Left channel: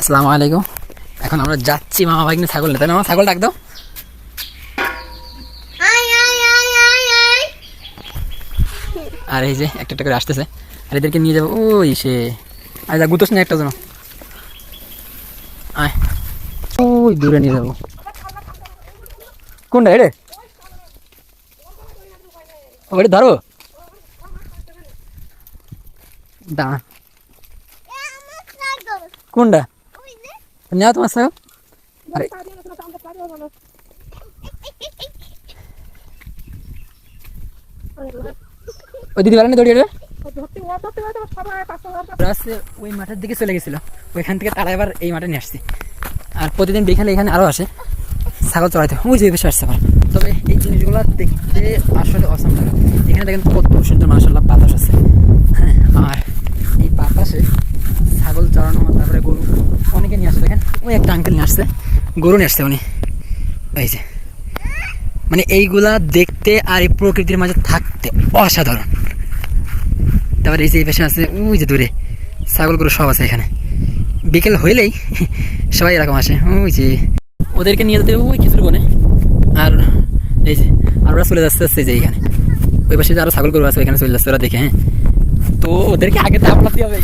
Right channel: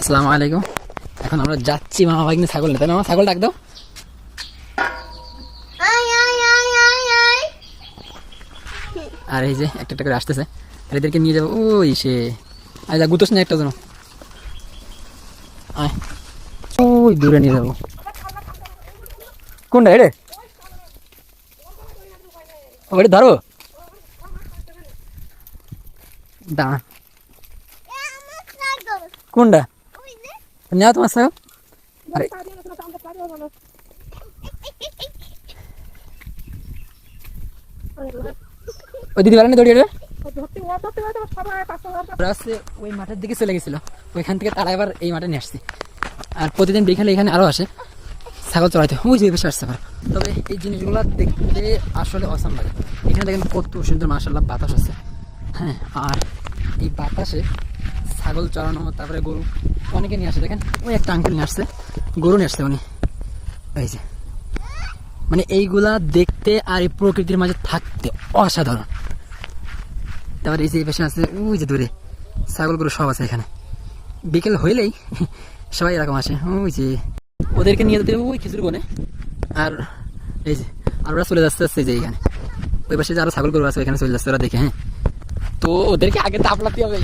আসসালামু আলাইকুম। এখন আমরা যাচ্ছি মামা ভাগ্নে ছাগল নিতে। মামা ছাগল ডাক দাও। আর এই যে একটা একটা করে আসতেছে, আর এদেরকে নিয়ে যাবো ওই সে আজ গুতোস না একটা জন, আয় ওই দূরে নিয়ে যাবো। কোনটা এরে ওটা ধরো দাঁড়া, কোনটা নেওয়া তোমার ছাগল? আরে ওই দিদি বেলা দৌড়িয়ে ওই মাঠের দিকে চলে গেছিল, ওইখান থেকে তারা এবার এই মাঠে নিয়ে আসছি। আর প্রতিদিন বিকালে এখানে আরো আসে ছাগল চড়াইতে, ওই যে বেশি আসছে। তবে এই জিনিসগুলো দেখতে আসলে অসাম লাগে। এখানে দেখেন কত সুন্দর মাশাআল্লাহ বাতাস আছে। হ্যাঁ, আর এই বাতাসে ছাগল চড়ানো, তারপরে গরু অনেকে নিয়ে আসে। দেখেন ওই একটা আঙ্কেল নিয়ে আসছে, গরু নিয়ে আসছে উনি। এই যে মানে এইগুলা দেখতে আর এই প্রকৃতির মাঝে থাকতে অসাধারণ। তারপরে এই যে পাশে আছে ওই যে দূরে ছাগল গরু সব আছে এখানে। বিকেল হইলেই সবাই এরকম আসে। ওই যে ওদেরকে নিয়ে যেতে ওই খিচুড়ি বনে। আর এই যে আর ওরা চলে যাচ্ছে যে এইখানে ওই পাশে যে আরো ছাগল গরু আছে ওইখানে চলে যাচ্ছে ওরা দেখে। হ্যাঁ, তো ওদেরকে আগে তাপলাতে হবে।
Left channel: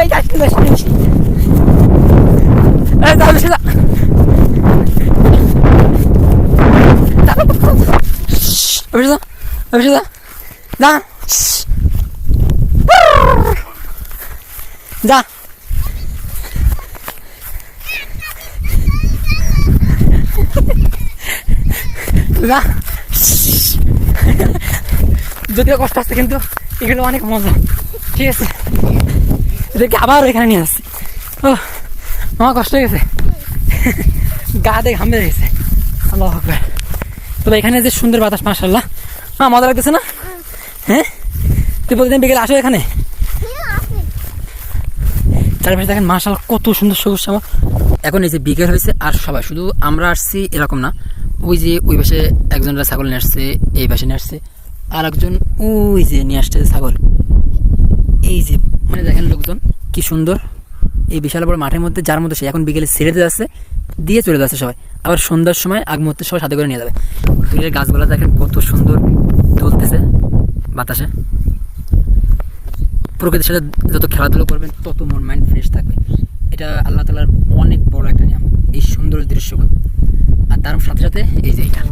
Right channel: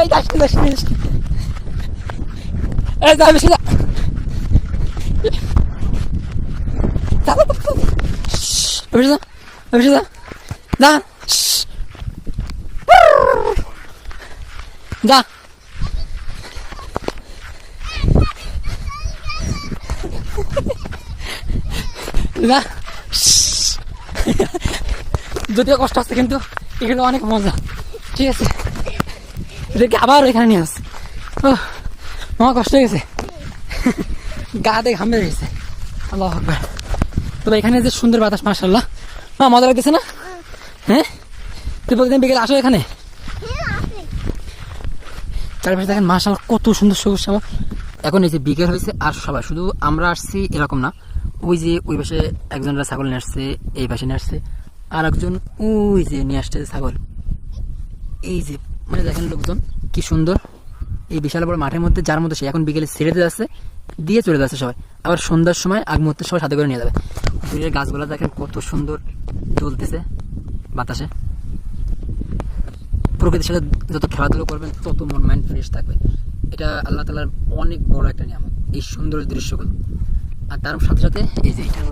এই যাস এই যাবে সেটা যা যদিও কষ্ট আছে কিন্তু এগুলো অনেক মজা। ঠিক আছে, এদেরকে আবার এখানে নিয়ে আসছে। ও আমার কষ্ট হয়ে গেছে, গা দিয়ে ঘামে গেছে। আল্লাহু আকবার। তবে এখানে যে সুন্দর বাতাস মাশাআল্লাহ, মজা লাগতেছে না? হ্যাঁ, তুই প্রতিদিন বিকেলে আসো এখানে? চারপাশে দেখেন মাশাআল্লাহ কত সুন্দর সবুজ শ্যামল। এখন এই যে বিকেল হয়েছে আর সবাই, শুধু আমরা আসছি এরকম না, ওই যে ওই পাশে একজনরা ছাগল নিয়ে আসছে, এই পাশে নিয়ে আসছে, আর একজন ওই যে নিয়ে আসছে ছাগল। এই যে মানে দেখেন লোকজন কি সুন্দর এই বিশাল বড় মাঠের মধ্যে, যার মধ্যে সে এখন বিকেলে ছেড়ে দিয়ে যাচ্ছে, দিয়ে চলে যাচ্ছে সবাই। আবার সন্ধ্যার সময় আগ মুহূর্তে সবাই সাথে করে নিয়ে যাবে। ফুলের গাছগুলো দেখেন কত সুন্দর দুলতেছে বাতাসে। প্রকৃতির সাথে যত খেলাধুলো করবেন তত মন মাইন্ড ফ্রেশ থাকবে। এটা আল্লাহ তাআলার অনেক বড় একটা নিয়ামত, এই সুন্দর দৃশ্যগুলো। আর তার সাথে সাথে এই যে এটা